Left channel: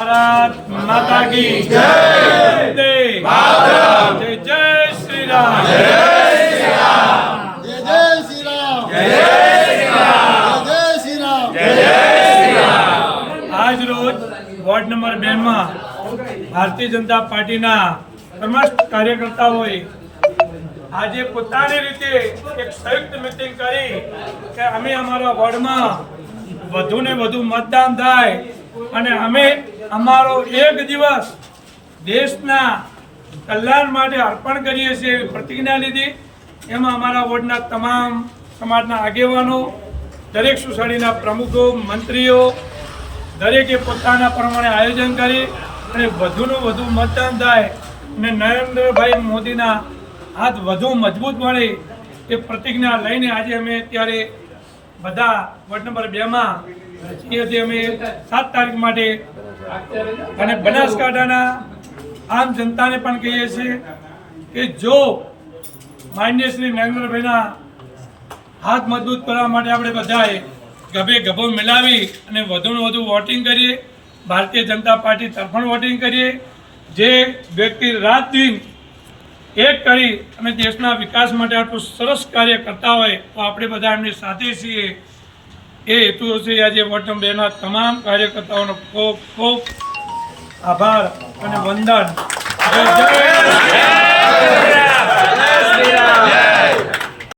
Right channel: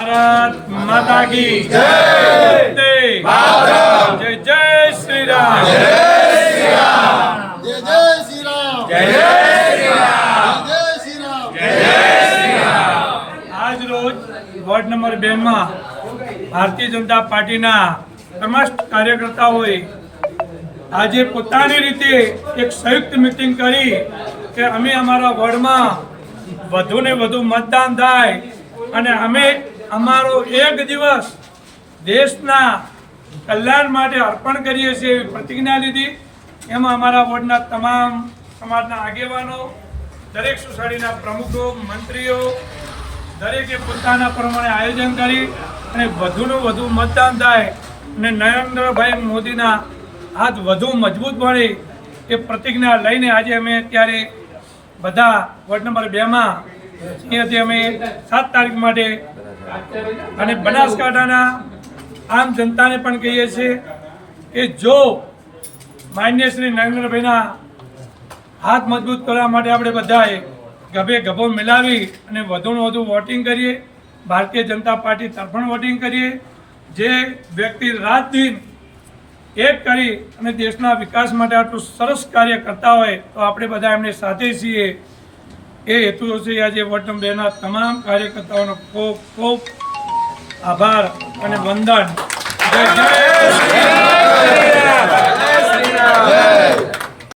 भारत माता की जय। जय जय श्री राम। जय श्री राम। जय श्री राम। आज रोज वोर्ड नंबर 2 में भारतीय जनता पार्टी समस्त कार्यकर्ताओं आज पोतानी रीते एक संयुक्त मीटिंग करी कि अमे अमारा वोर्ड में वधु ने वधु मतदान थाय अने अमे अमारो एक दिवस देशना कल्याण माटे अर्पण करीए छीए एवी प्रतिज्ञा लीधी। एमां अमारा वोर्डना तमाम समाजना आगेवानो, दरेक सोसायटीना प्रमुखो, मंत्रीओ दरेके पोताना प्रमाणे आयोजन करी अने वधुने वधु मतदान थाय अने नरेन्द्रभाई मोदीना हाथ वधु मजबूत बने ए प्रतिज्ञा लईने आज अमे त्यारे बधा वोर्ड नंबर 2 में અહીંયાથી અમે 7 તારીખ માટે અને બનાસકાંઠાના આમ જનતાને પણ કહીએ છીએ કે જો માનનીય શ્રી નરેન્દ્રભાઈના હાથ મજબૂત કરવા માટે આપણે બધાએ ગભે ગભો મિલાવી અને વધુને વધુ વોટિંગ કરીએ, ભારતીય જનતા પાર્ટી તરફણ વોટિંગ કરીએ। જે વ્યક્તિ રાત દિન એક કરી અને દેશના વિકાસ માટે આટલું સરસ કાર્ય કરતા હોય તો આપણે બધા એમની સાથે છીએ। એ હેતુ છે આજે વોર્ડ નંબર 2 તમામ કાર્યકર્તાઓનો ખૂબ ખૂબ આભાર અને વંદન। જય જય